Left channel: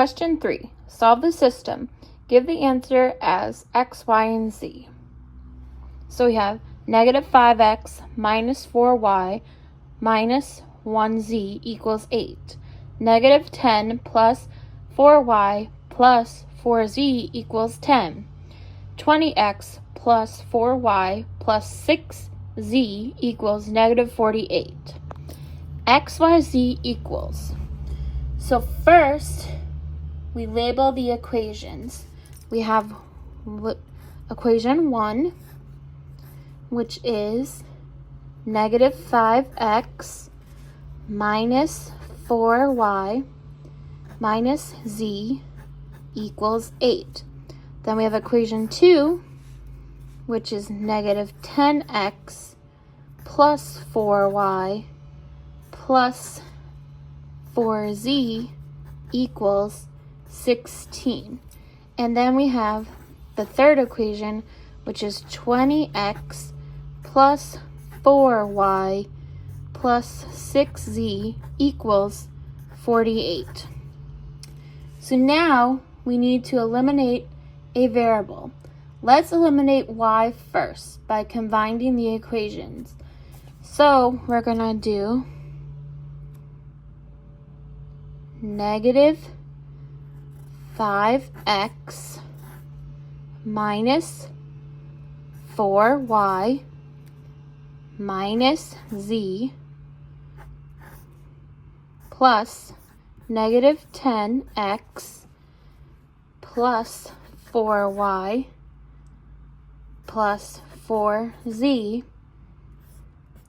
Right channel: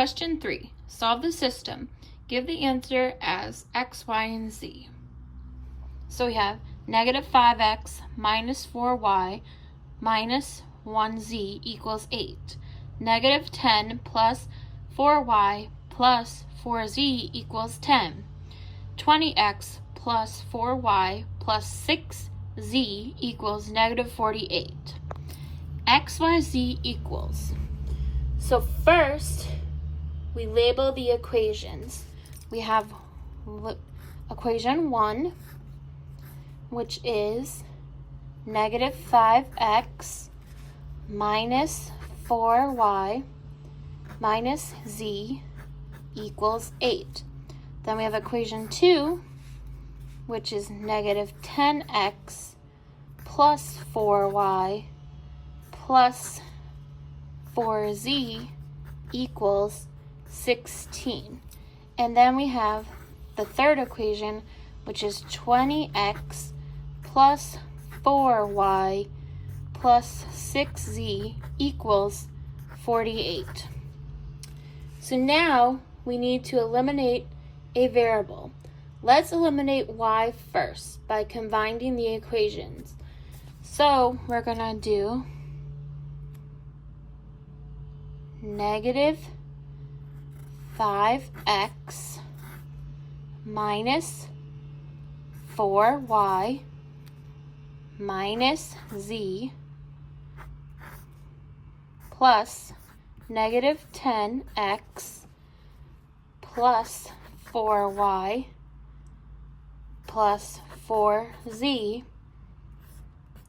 Question 3. Solve the system. Give the answer as x, y, and z. So we have negative 5x minus 4y minus 1z equals 8. Negative 10 plus 4y plus 4z equals 10. 20x plus 4y plus 6z equals negative 48. X, y, z equals. So first, we label the equations. We have equation 1, which is negative 5x minus 4y minus z equals 8. Then we have equation 2, which is negative 10x plus 4y plus 4z equals 16. And then we have the third equation, which is 20x plus 4y plus 6z equals 48. So now we need to eliminate a variable. Let's eliminate y first by combining the equations. So we're going to do negative 5x minus 4y minus z plus negative 10x plus 4y plus 4z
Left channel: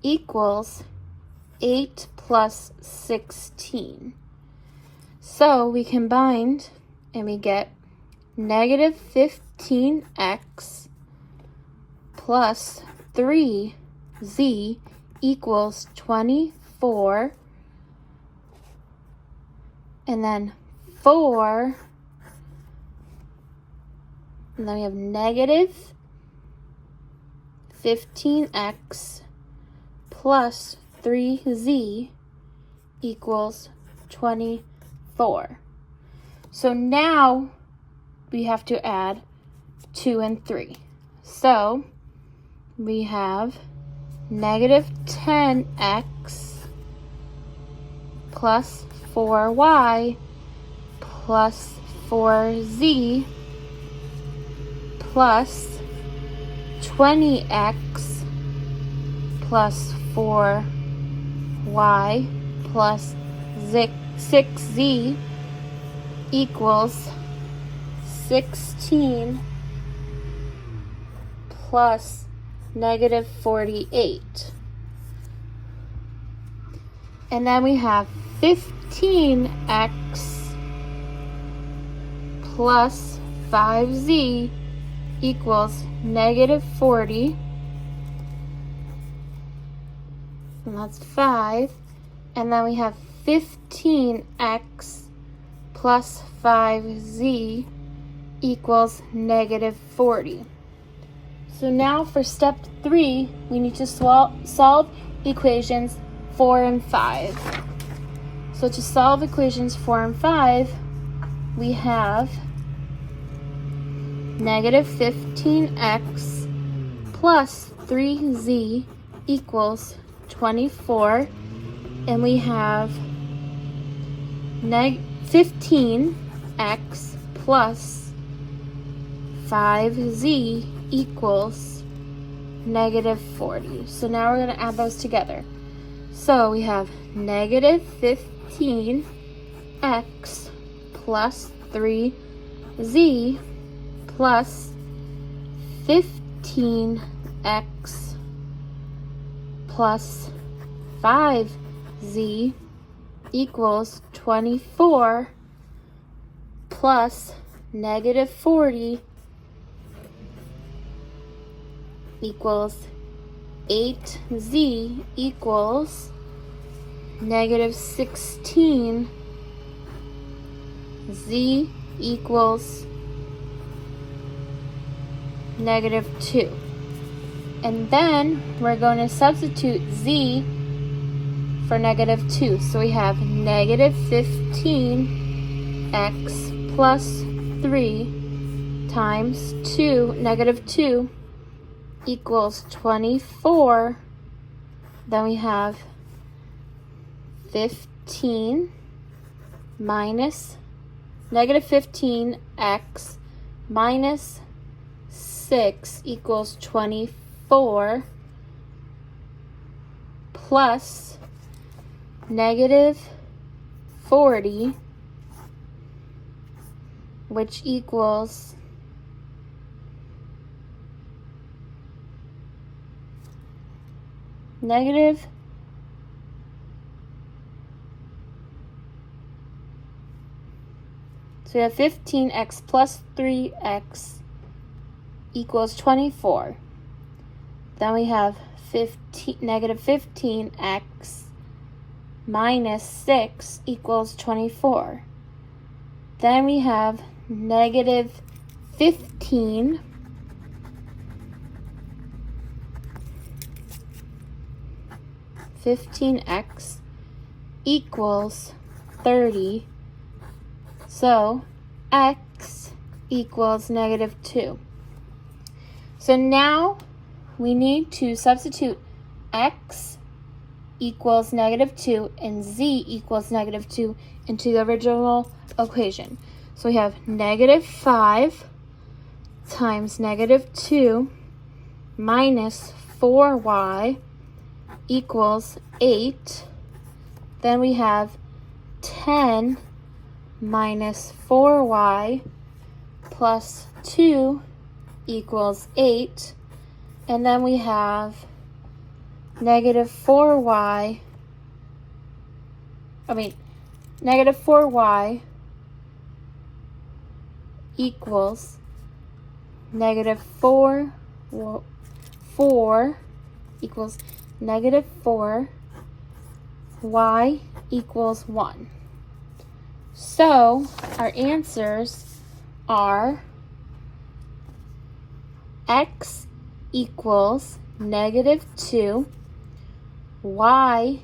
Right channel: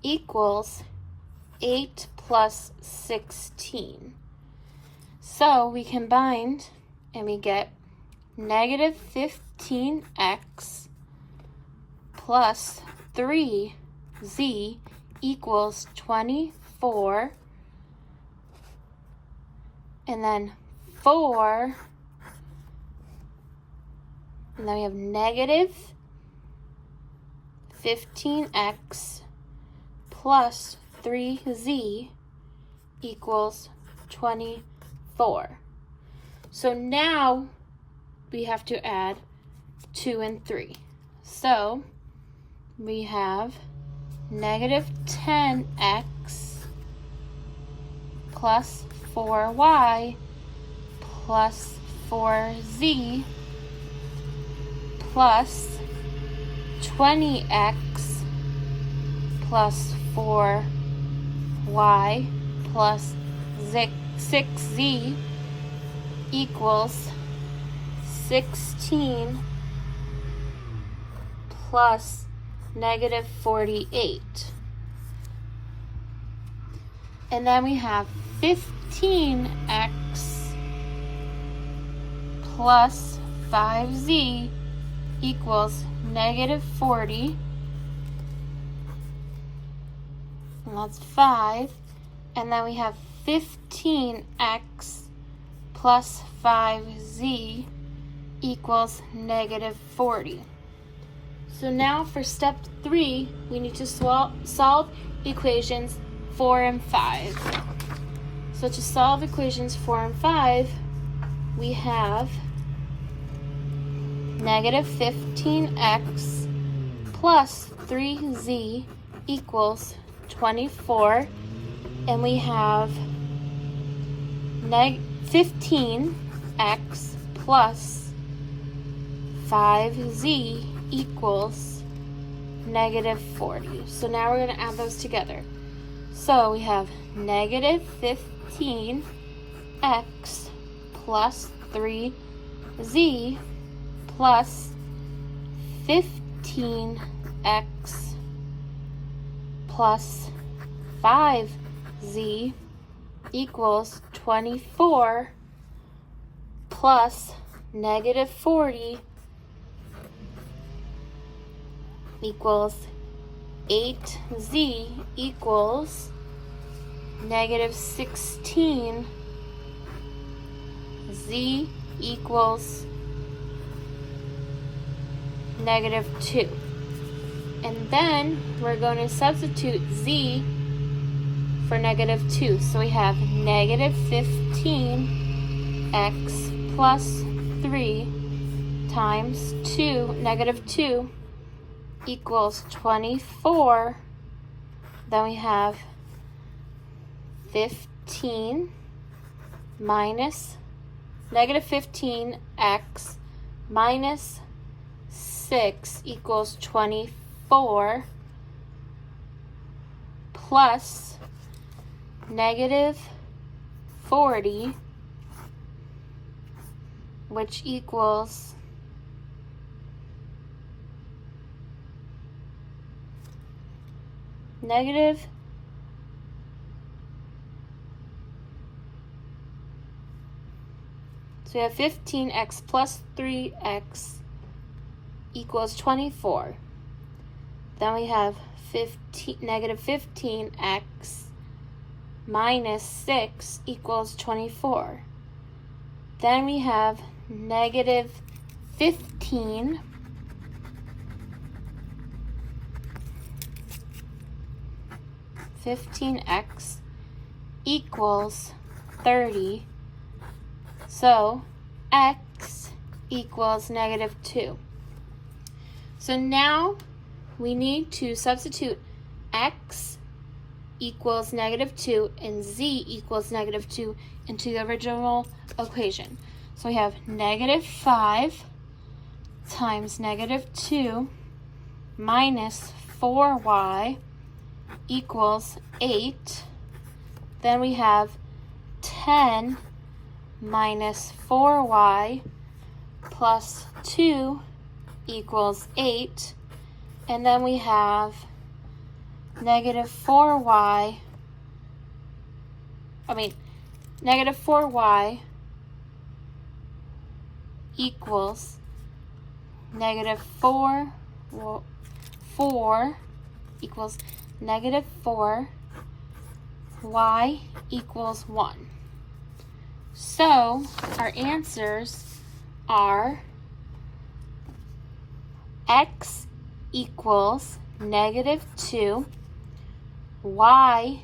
equals 8 plus 16. So we combined and we get negative 15x plus 3z equals 24, and then 4, and then we have negative 15x plus 3z equals 24. So now we have to add 2 and 3. So we have negative 10x plus 4y plus 4z plus 20x plus 4y plus 6z equals 16 plus negative 48. And then we have 15x plus 5z equals negative 40. And that's 5. And then we have 15x plus 5z equals negative 40. So now for step 3, we need to solve equations 4 and 5. So to solve equations 4 and 5, we have negative 15x plus 3z equals 24, and we have 15x plus 5z equals negative 40. So now we're going to add those together. So we have negative 15x plus 3z plus 15x plus 5z equals 24 plus negative 40 equals 8z equals negative 16. Z equals negative 2. And then we're going to substitute z for negative 2. So we have negative 15 x plus 3 times 2, negative 2, equals 24. Then we have 15 minus negative 15x minus 6 equals 24 plus negative 40, which equals negative so we have 15x plus 3x equals 24. Then we have negative 15x minus 6 equals 24. Then we have negative 15 15x equals 30. So x equals negative 2. So now we need to substitute x equals negative 2 and z equals negative 2 into the original equation. So we have negative 5 times negative 2 minus 4y equals 8. Then we have 10 minus 4y plus 2 equals 8. And then we have negative 4y equals negative 4 equals negative 4, y equals 1. So our answers are x equals negative 2, y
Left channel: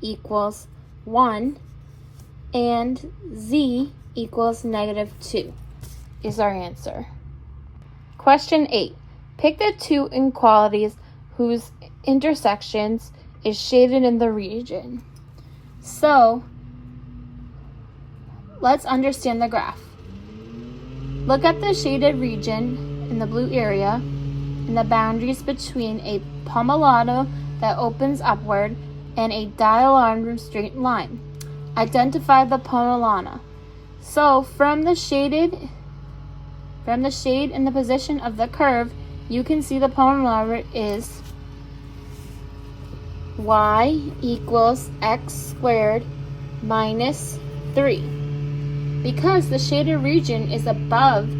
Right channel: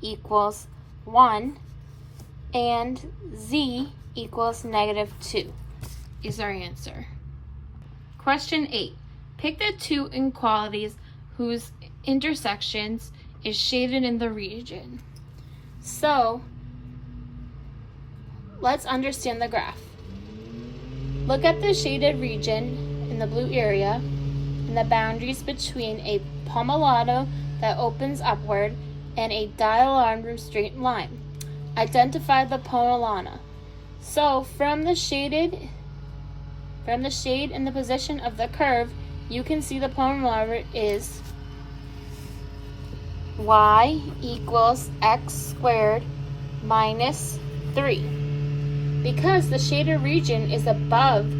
equals 1, and z equals negative 2 is our answer. Question 8. Pick the two inequalities whose intersections is shaded in the region. So let's understand the graph. Look at the shaded region in the blue area and the boundaries between a pomelato that opens upward and a diagonal straight line. Identify the pomelana. So from the shade in the position of the curve, you can see the pomelana is y equals x squared minus 3. Because the shaded region is above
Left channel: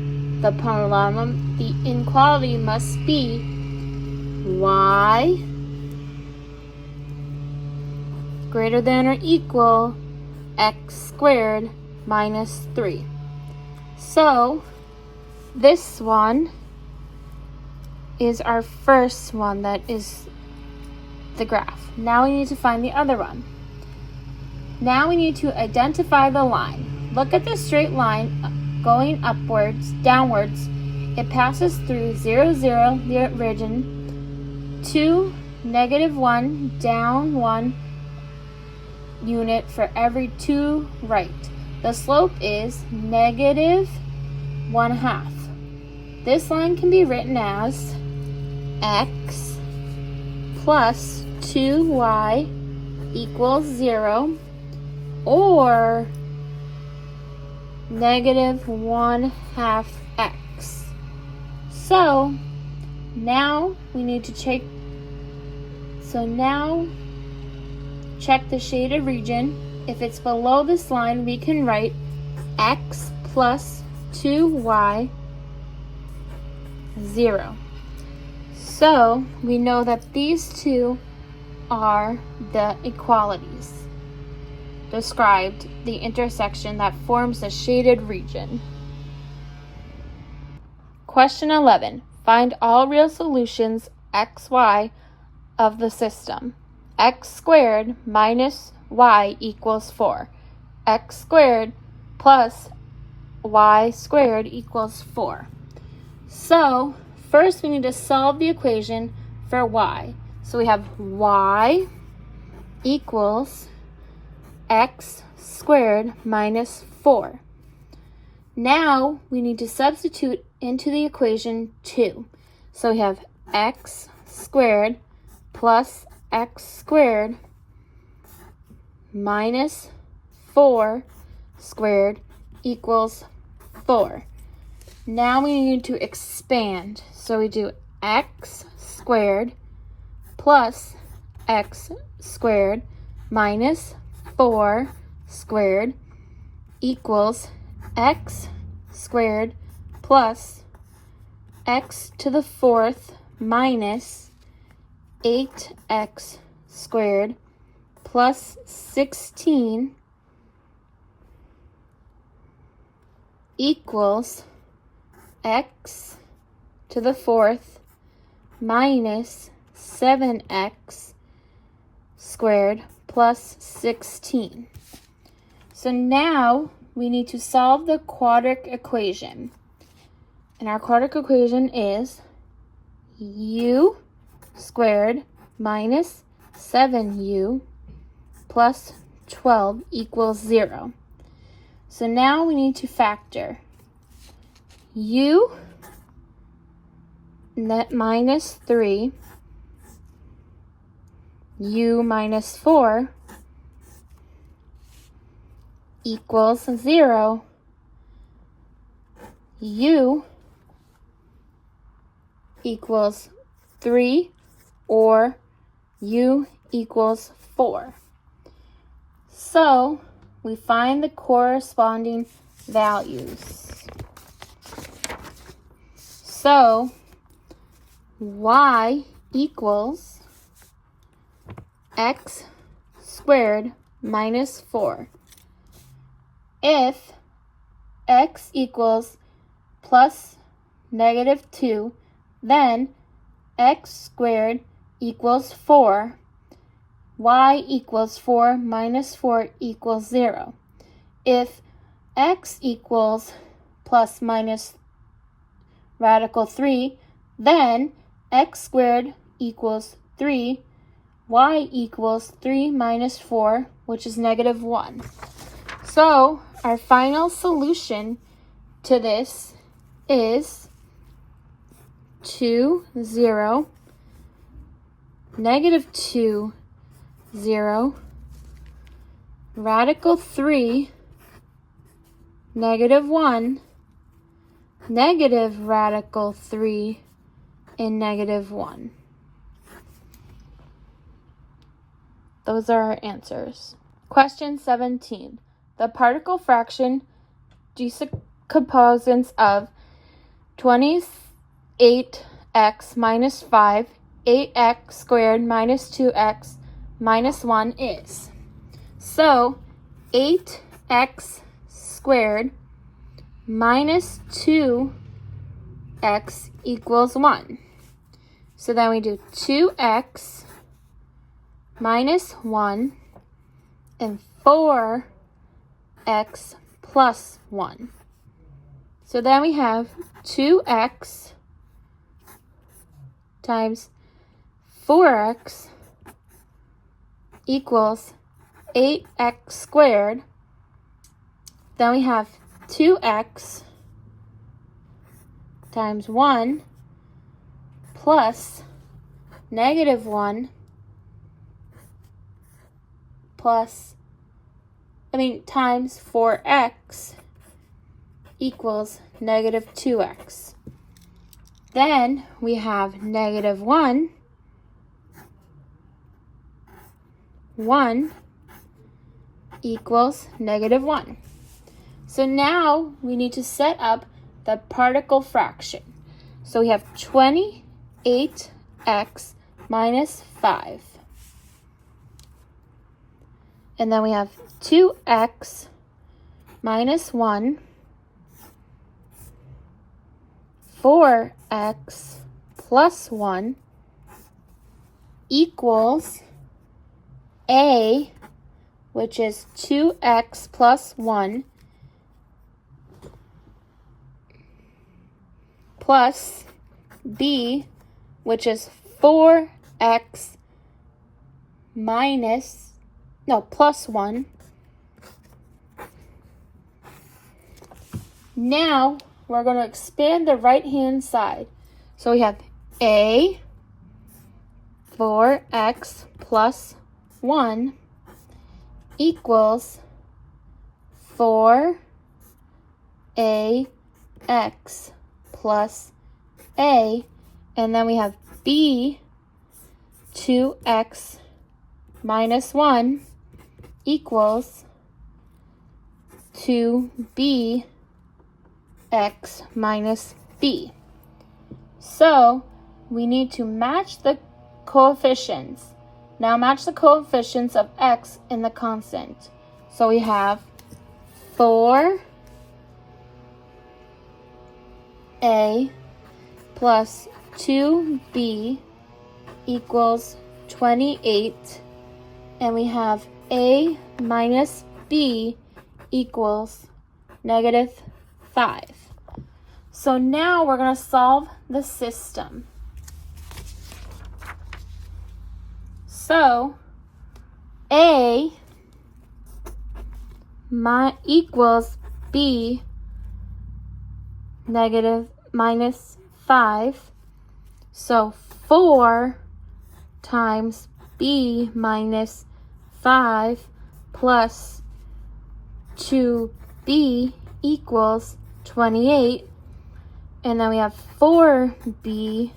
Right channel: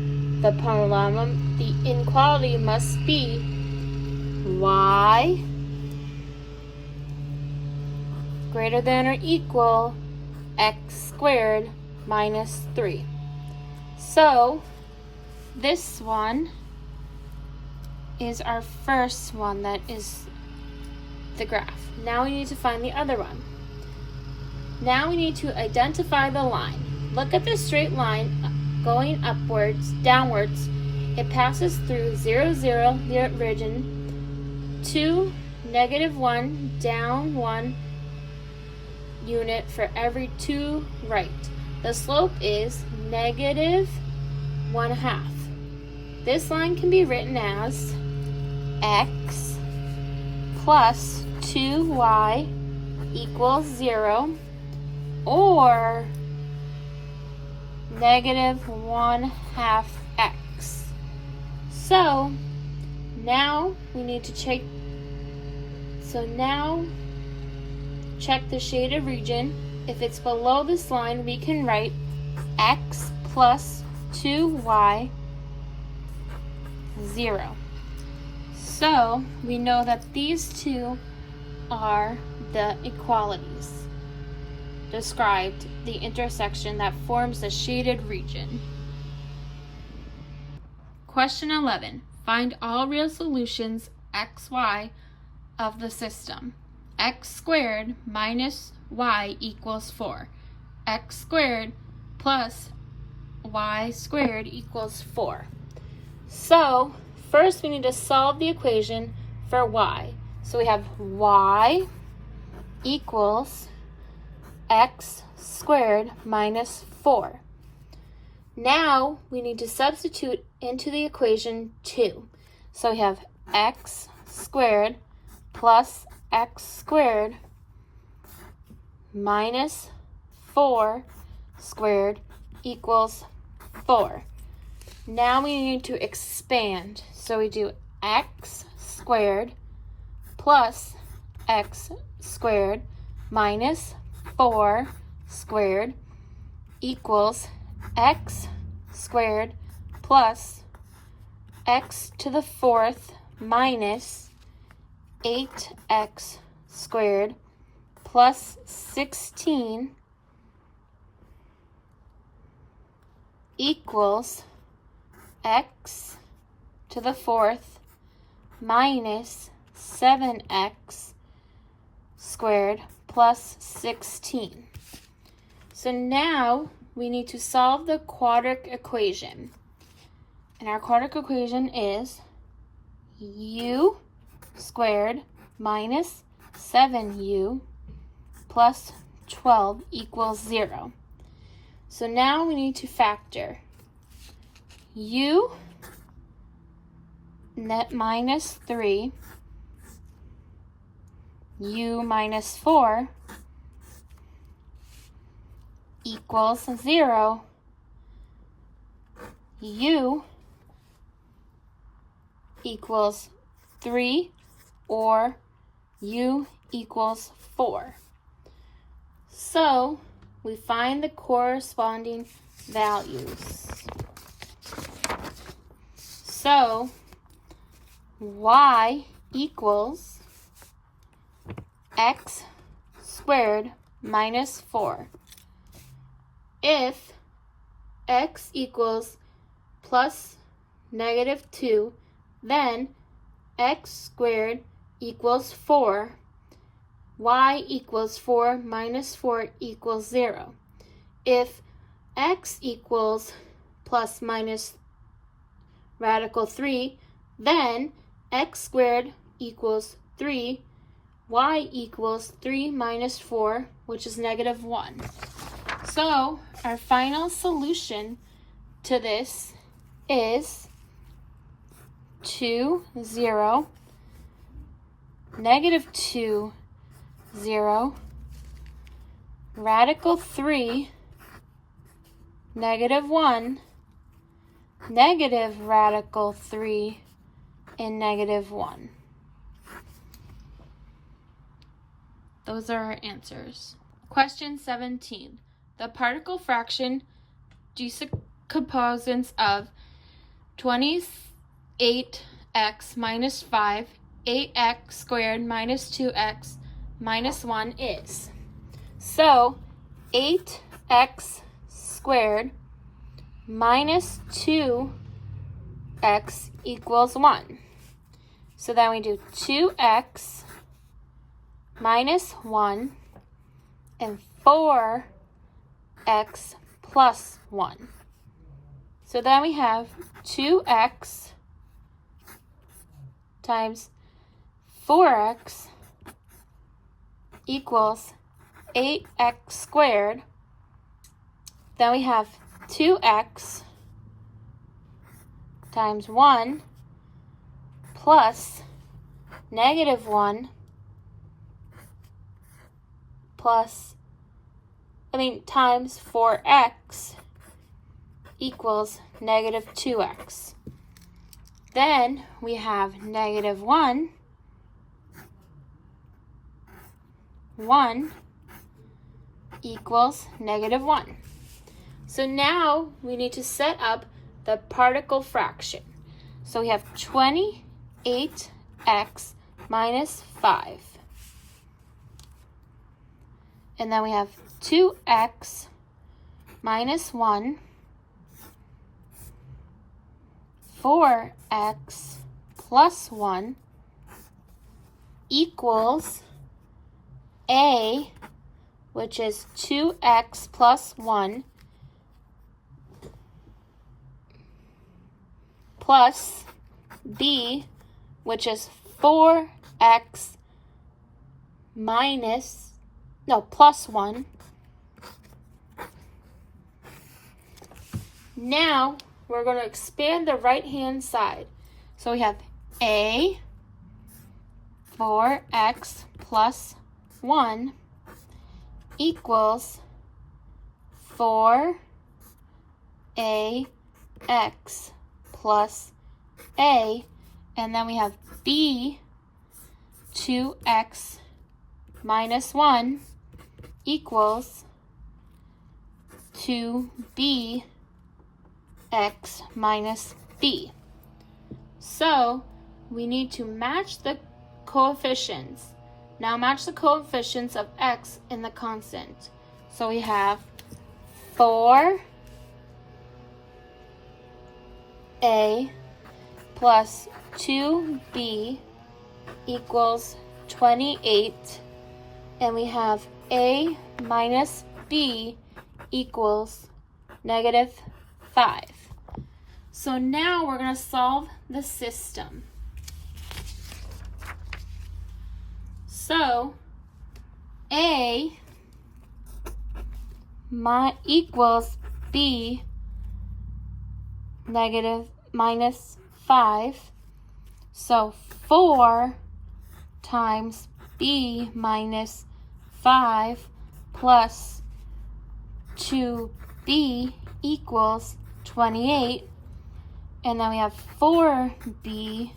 the pomelana, the inequality must be y greater than or equal x squared minus 3. So this one is our first one that is the graph. Now we need to find the other one. Now we need to identify the line. Look at the straight line going downwards. It passes through 0, 0, the origin, to negative 1, down 1 unit for every 2 right. The slope is negative 1/2. This line can be written as x plus 2y equals 0, or negative 1/2 x. So now we need to check. So now check the shaded region. If it's below this line, we can write x plus 2y 0. So we know that these two are the equalities described the intersection that forms the shaded region. Question 11. Find all real solutions xy of the system. X squared minus y equals 4. X squared plus y squared equals 4. So first we need to solve the equation for y. So we have y equals x squared minus 4. Now we need to substitute into the equation 2. So we have x squared plus x squared minus 4 squared equals 4. Now we need to expand. So we do x squared plus x squared minus 4 squared equals x squared plus x to the 4th minus 8x squared plus 16 equals x to the 4th minus 7x squared plus 16. So now we need to solve the quadratic equation. And our quadratic equation is u squared minus 7u plus 12 equals 0. So now we need to factor u net minus 3, u minus 4 equals 0, u equals 3, or u equals 4. So we find the corresponding values. So y equals x squared minus 4. If x equals plus negative 2, then x squared equals 4. Y equals 4 minus 4 equals 0. If x equals plus minus radical 3, then x squared equals 3. Y equals 3 minus 4, which is negative 1. So our final solution to this is 2, 0, negative 2, 0, radical 3, negative 1, negative radical 3, and negative 1. Those are our answers. Question 17. The particle fraction decomposes of 28x minus 5, 8x squared minus 2x minus 1 is. So 8x squared minus 2x equals 1. So then we do 2x minus 1 and 4x plus 1. So then we have 2x times 4x equals 8x squared. Then we have 2x times 1 plus negative 1 times 4x equals negative 2x. Then we have negative 1 equals negative 1. So now we need to set up the particle fraction. So we have 28x minus 5. And then we have 2x minus 1, 4x plus 1 equals a, which is 2x plus 1, plus b, which is 4x plus 1. Now we're going to expand the right-hand side. So we have a 4x plus 1 equals 4ax plus a, and then we have b 2x minus 1 equals 2b x minus b. So we need to match the coefficients. Now match the coefficients of x in the constant. So we have 4a plus 2b equals 28, and we have a minus b equals -5. So now we're going to solve the system. So a equals b -5. So 4 times b minus 5 plus 2b equals 28. And then we have 4b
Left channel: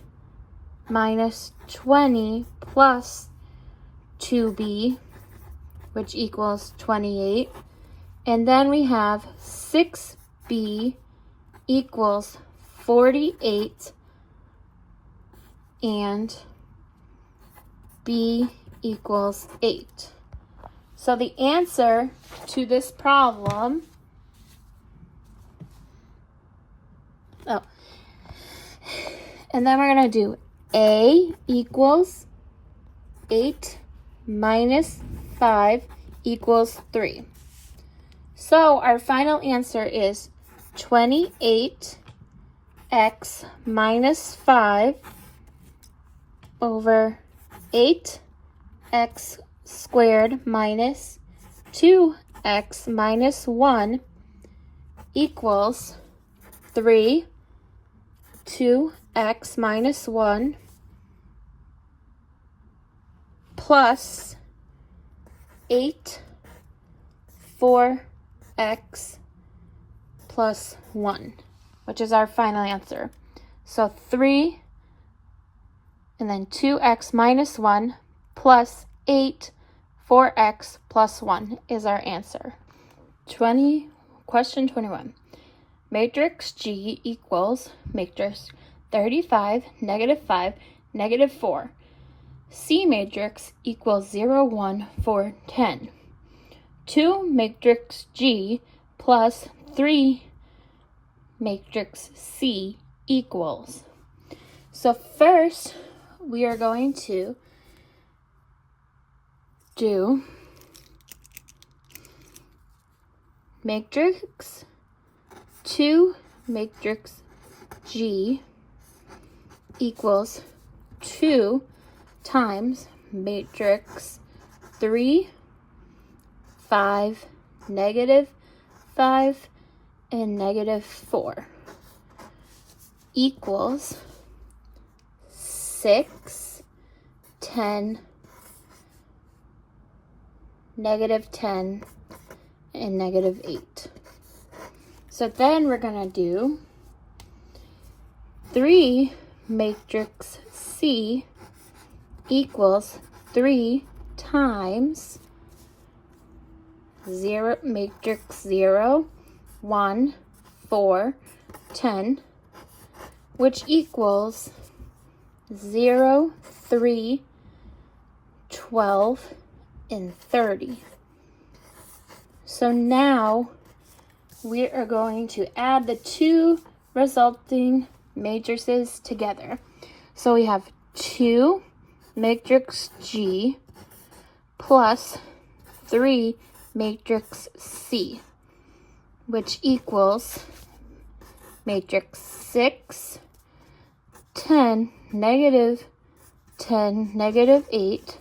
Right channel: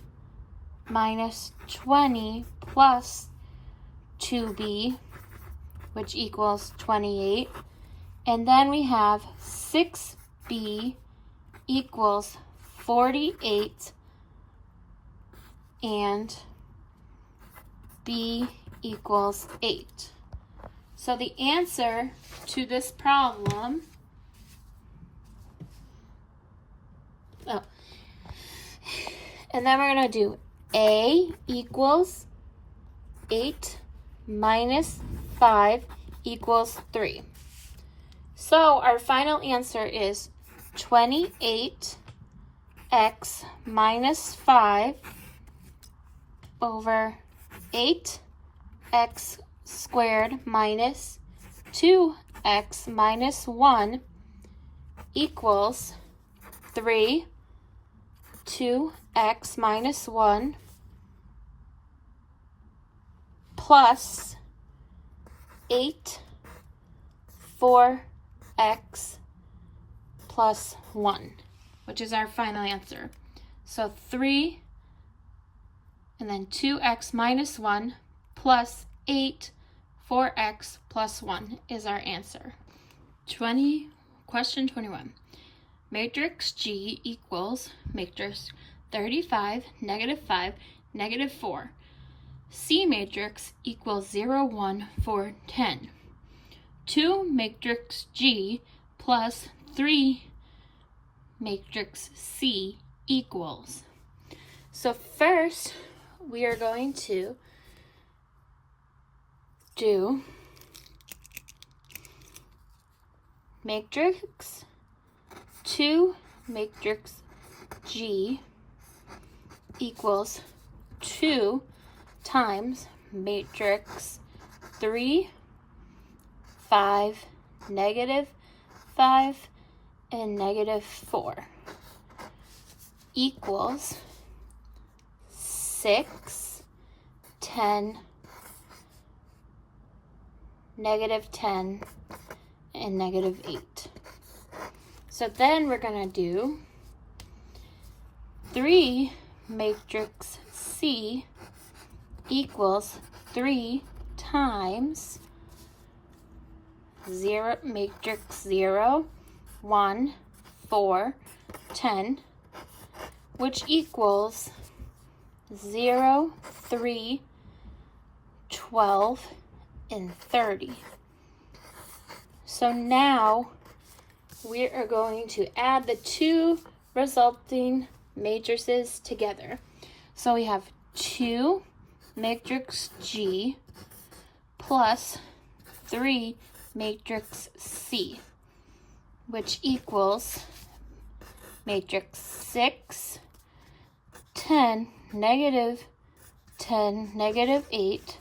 minus 20 plus 2b, which equals 28. And then we have 6b equals 48, and b equals 8. So the answer to this problem, and then we're going to do a equals 8 minus 5 equals 3. So our final answer is 28x minus 5 over 8x squared minus 2x minus 1 equals 3, 2x minus 1 plus 8, 4x plus 1, which is our final answer. So 3 and then 2x minus 1 plus 8, 4x plus 1 is our answer. Question 21. Matrix G equals matrix 35, -5, -4. C matrix equals 0, 1, 4, 10. 2 matrix G plus 3 matrix C equals. So first, we are going to do matrix 2 matrix G equals 2 times matrix 3, 5, -5, and -4 equals 6, 10, -10, and -8. So then we're going to do 3 matrix C equals 3 times 0 matrix 0, 1, 4, 10, which equals 0, 3, 12, and 30. So now we are going to add the two resulting matrices together. So we have 2 matrix G plus 3 matrix C, which equals matrix 6, 10, negative 10, negative 8,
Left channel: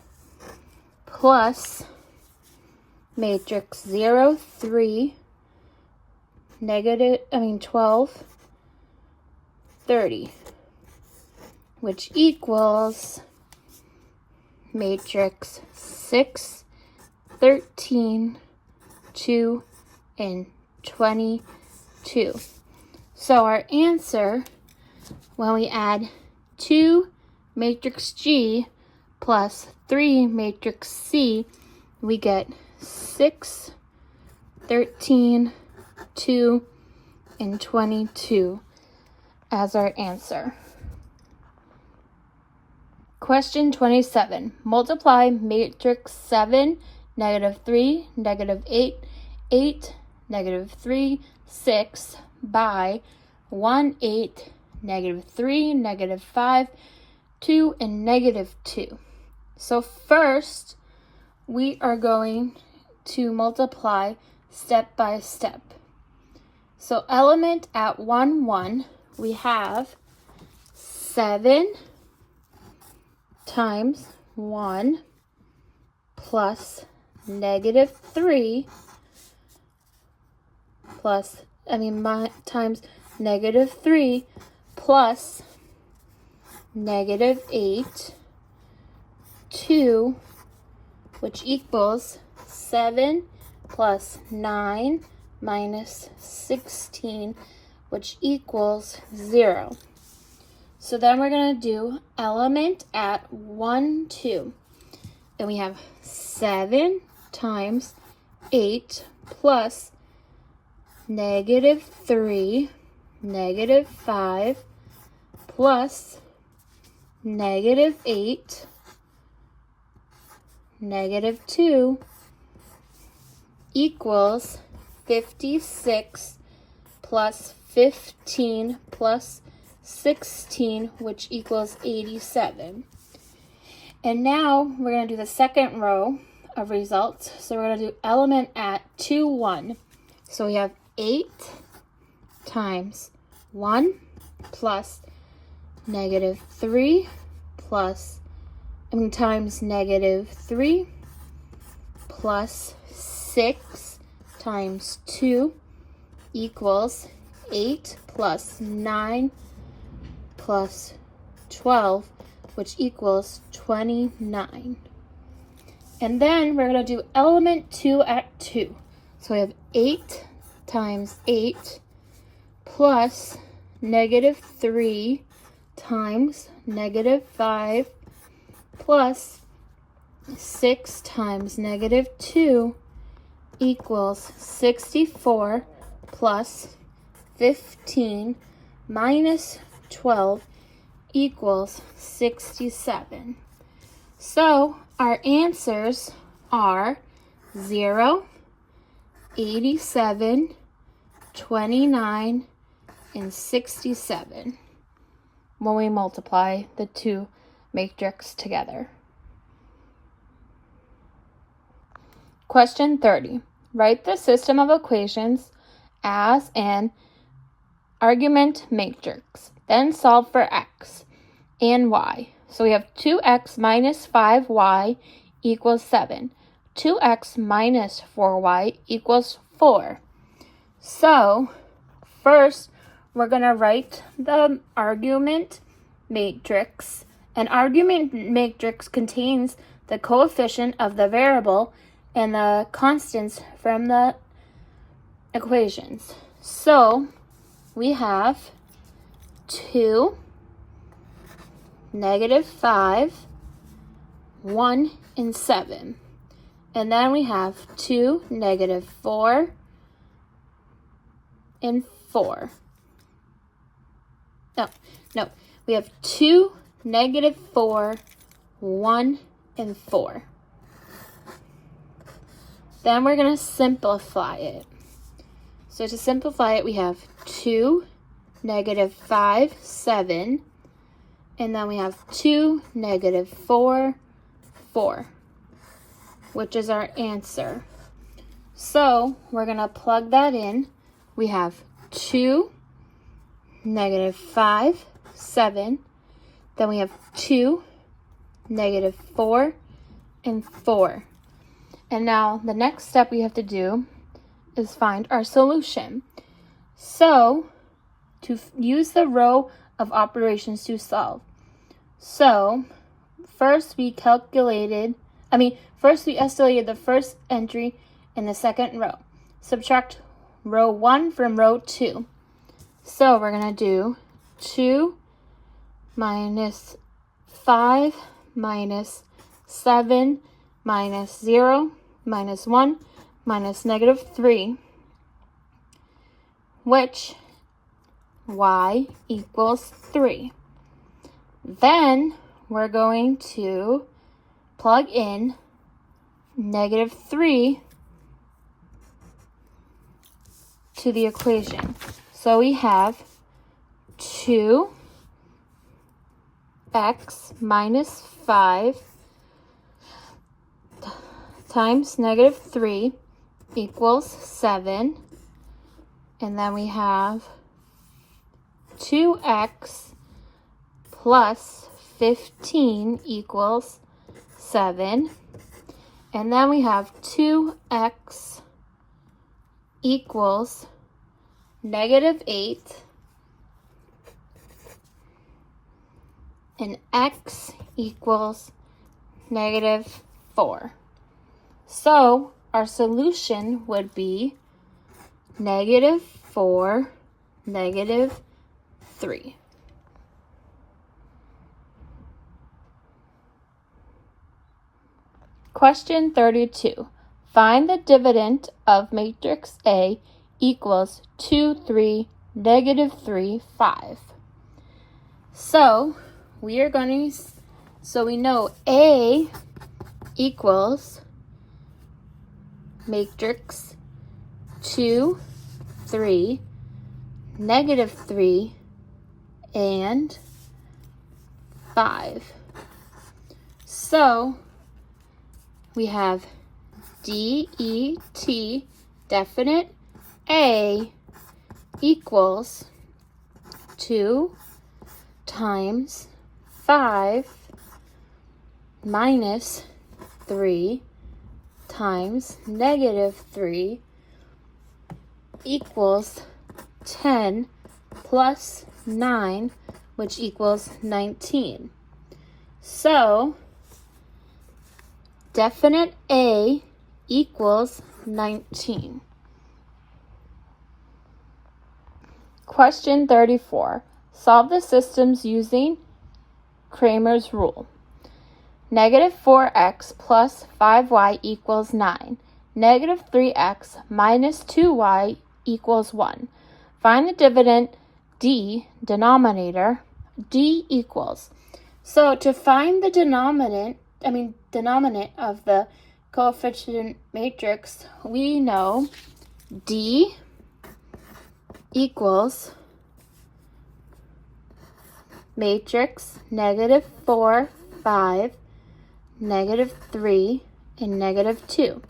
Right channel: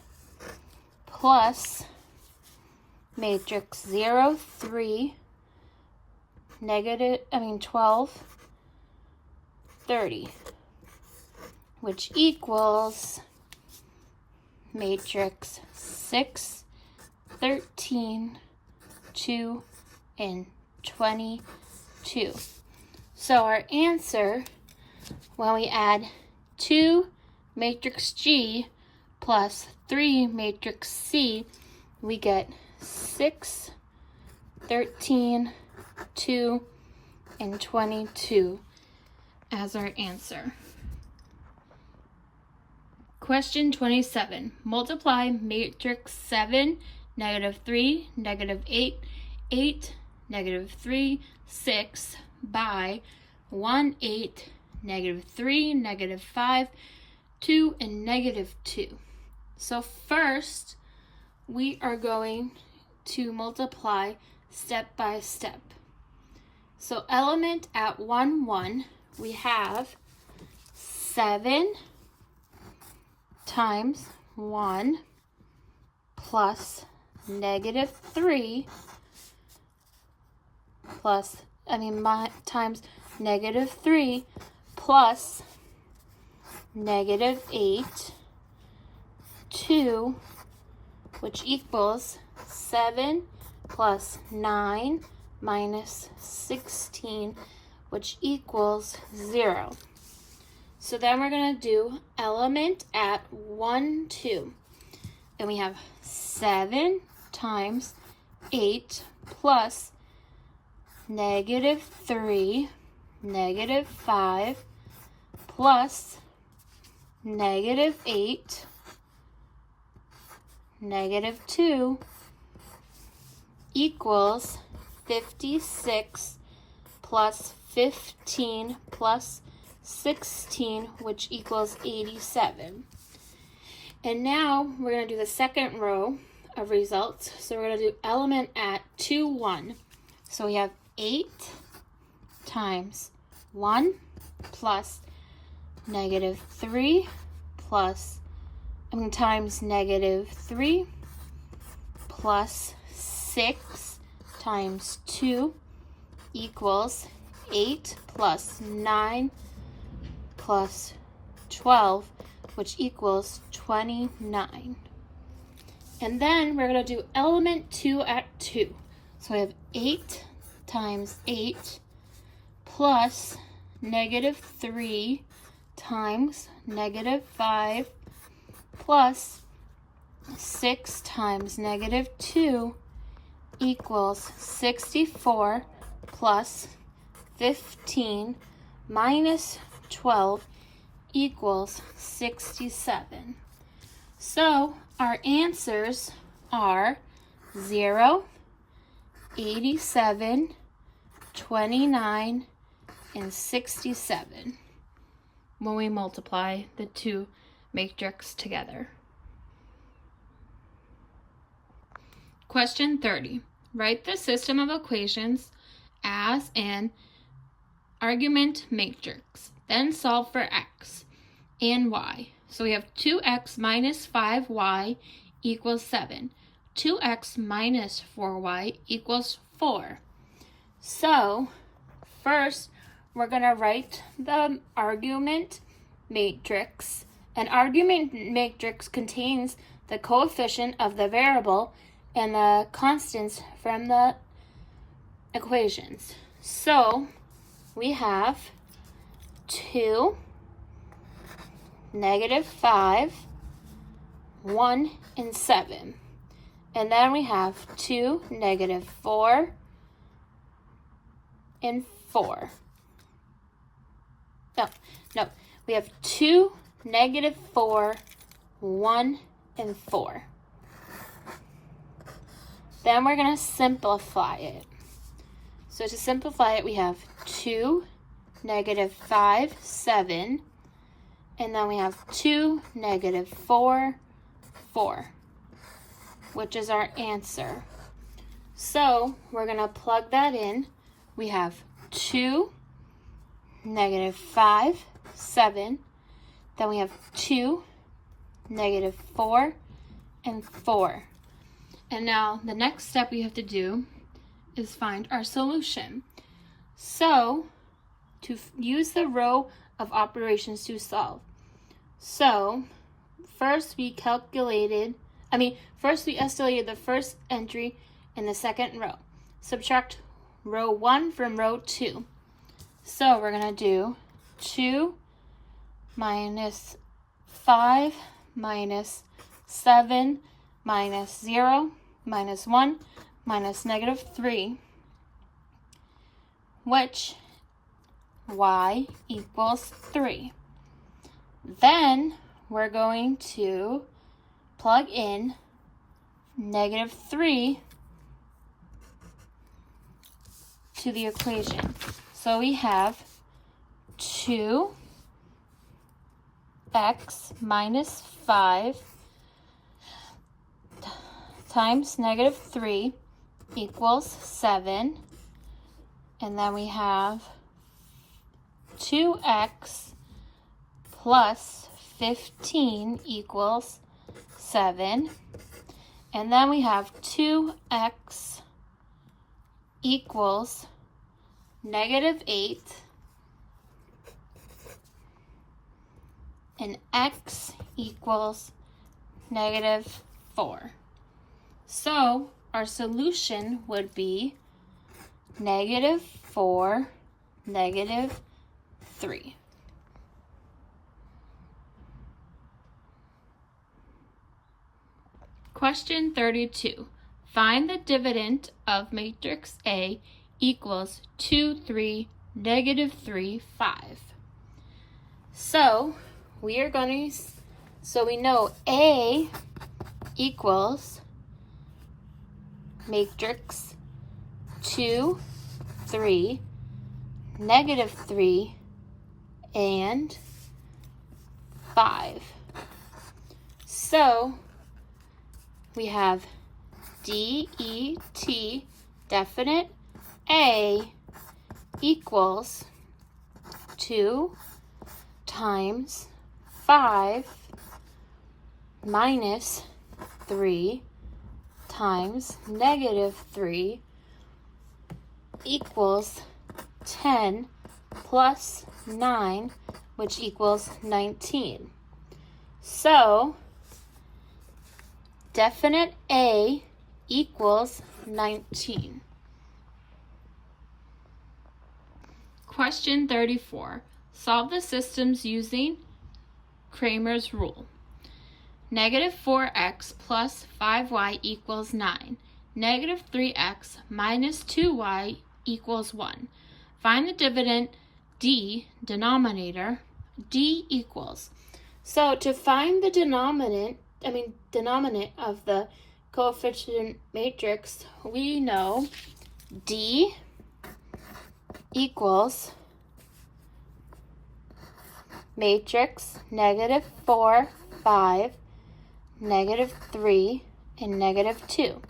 plus matrix 0, 3, 12, 30, which equals matrix 6, 13, 2, and 22. So our answer, when we add 2 matrix G plus 3 matrix C, we get 6, 13, 2, and 22 as our answer. Question 27. Multiply matrix 7, negative 3, negative 8, 8, negative 3, 6 by 1, 8, negative 3, negative 5, 2, and negative 2. So first, we are going to multiply step by step. So element at 1, 1, we have 7 times 1 plus negative 3 times negative 3 plus negative 8, 2, which equals 7 plus 9 minus 16, which equals 0. So then we're going to do element at 1, 2. And we have 7 times 8 plus negative 3, negative 5, plus negative 8, negative 2, equals 56 plus 15 plus 16, which equals 87. And now we're going to do the second row of results. So we're going to do element at 2, 1. So we have 8 times 1 plus negative 3 times negative 3 plus 6 times 2 equals 8 plus 9 plus 12, which equals 29. And then we're going to do element 2 at 2. So we have 8 times 8 plus negative 3 times negative 5 plus 6 times negative 2 equals 64 plus 15 minus 12 equals 67. So our answers are 0, 87, 29, and 67 when we multiply the two matrix together. Question 30. Write the system of equations as an argument matrix. Then solve for x and y. So we have 2x minus 5y equals 7. 2x minus 4y equals 4. So first, we're going to write the argument matrix. An argument matrix contains the coefficient of the variable and the constants from the equations. So we have 2, negative 5, 1, and 7. And then we have 2, negative 4, and 4. No. We have 2, negative 4, 1, and 4. Then we're going to simplify it. So to simplify it, we have 2, negative 5, 7. And then we have 2, negative 4, 4, which is our answer. So we're going to plug that in. We have 2, negative 5, 7, Then we have 2, negative 4, and 4. And now the next step we have to do is find our solution. So, to use the row of operations to solve. So, first we estimated the first entry in the second row. Subtract row 1 from row 2. So we're going to do 2 minus 5 minus 7 minus 0 minus 1 minus negative 3, which y equals 3. Then we're going to plug in negative 3 to the equation. So we have 2x minus 5 times negative 3 equals 7. And then we have 2x plus 15 equals 7. And then we have 2x equals negative 8. And x equals negative 4. So our solution would be negative 4, negative 3. Question 32. Find the dividend of matrix A equals 2, 3, negative 3, 5. So we know A equals matrix 2, 3, negative 3, and 5. So we have DET, definite A, equals 2 times 5 minus 3 times negative 3 equals 10 plus 9, which equals 19. So, definite A equals 19. Question 34. Solve the systems using Cramer's rule. Negative 4x plus 5y equals 9. Negative 3x minus 2y equals 1. Find the dividend D, denominator, D equals. So to find the denominant of the coefficient matrix, we know D equals matrix negative 4, 5, negative 3, and negative 2,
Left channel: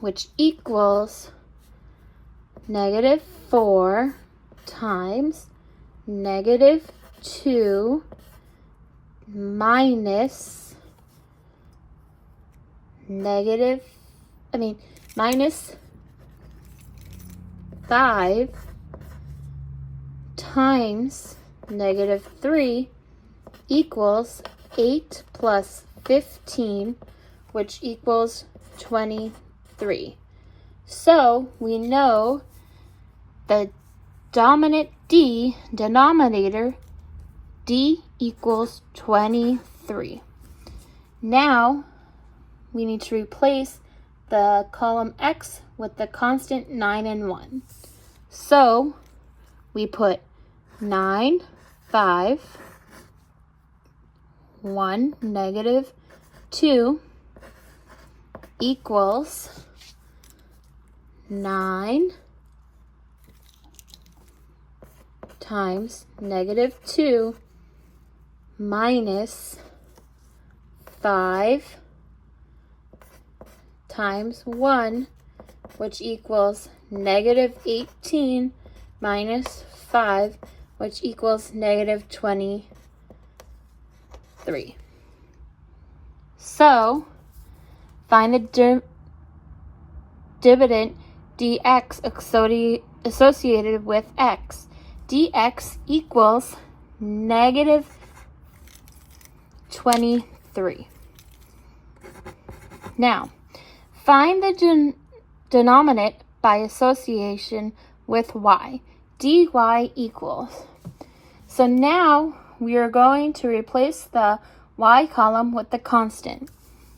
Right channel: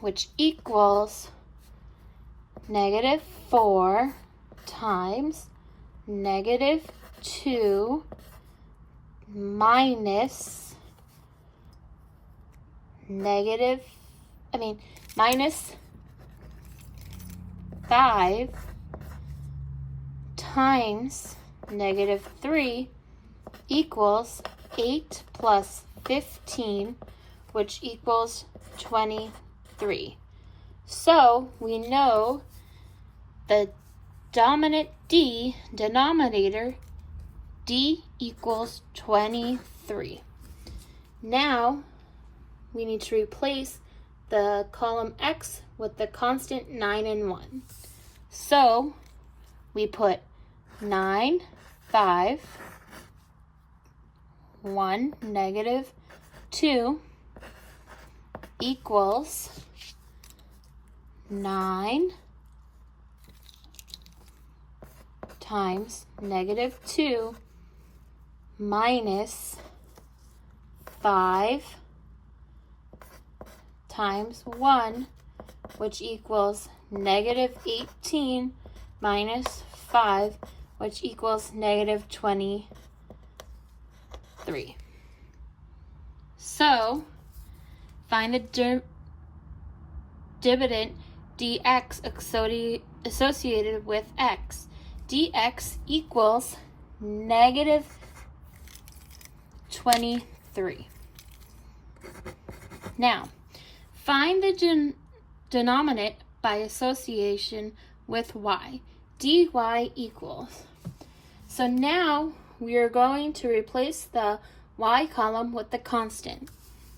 which equals negative 4 times negative 2 minus minus 5 times negative 3 equals 8 plus 15, which equals 23. So we know the dominant D, denominator, D equals 23. Now we need to replace the column X with the constant 9 and 1. So we put 9, 5, 1, negative 2 equals 9 times negative 2 minus 5 times 1, which equals negative 18 minus 5, which equals negative 23. 3. So, find the dividend dx associated with x. Dx equals negative 23. Now, find the denominator by association with y. dy equals. So now we are going to replace the y column with the constant.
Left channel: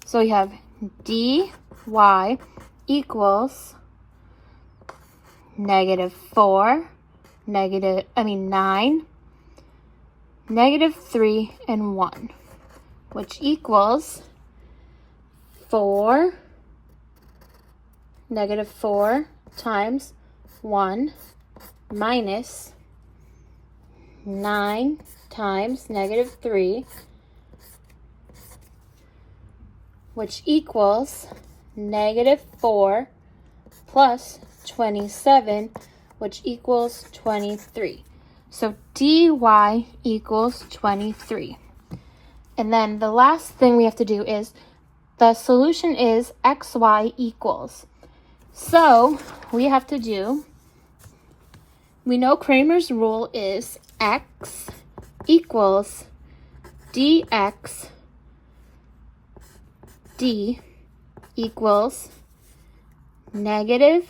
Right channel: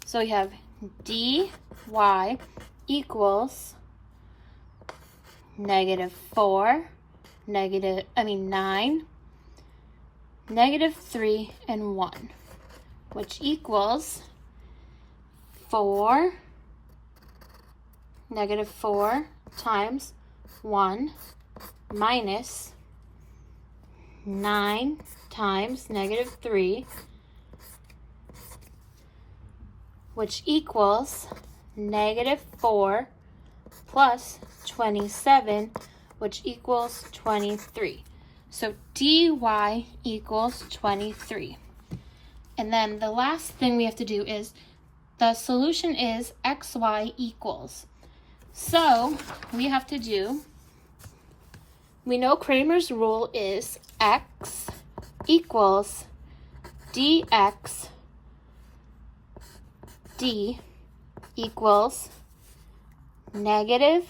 So we have dy equals negative 4, 9, negative 3, and 1, which equals negative 4 times 1 minus 9 times negative 3, which equals negative 4 plus 27, which equals 23. So dy equals 23. And then the last thing we have to do is the solution is xy equals. So we have to do, we know Cramer's rule is x equals dx d equals negative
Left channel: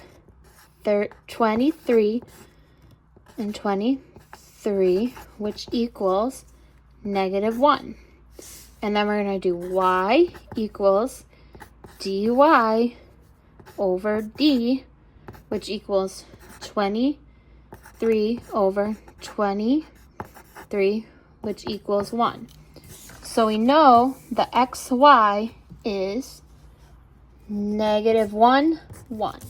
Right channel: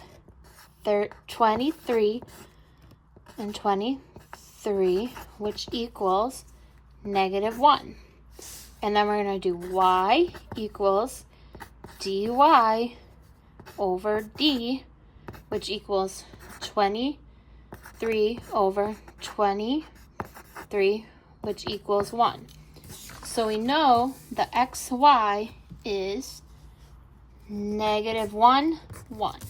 23 and 23, which equals negative 1. And then we're going to do y equals dy over d, which equals 23 over 23, which equals 1. So we know the xy is negative 1, 1.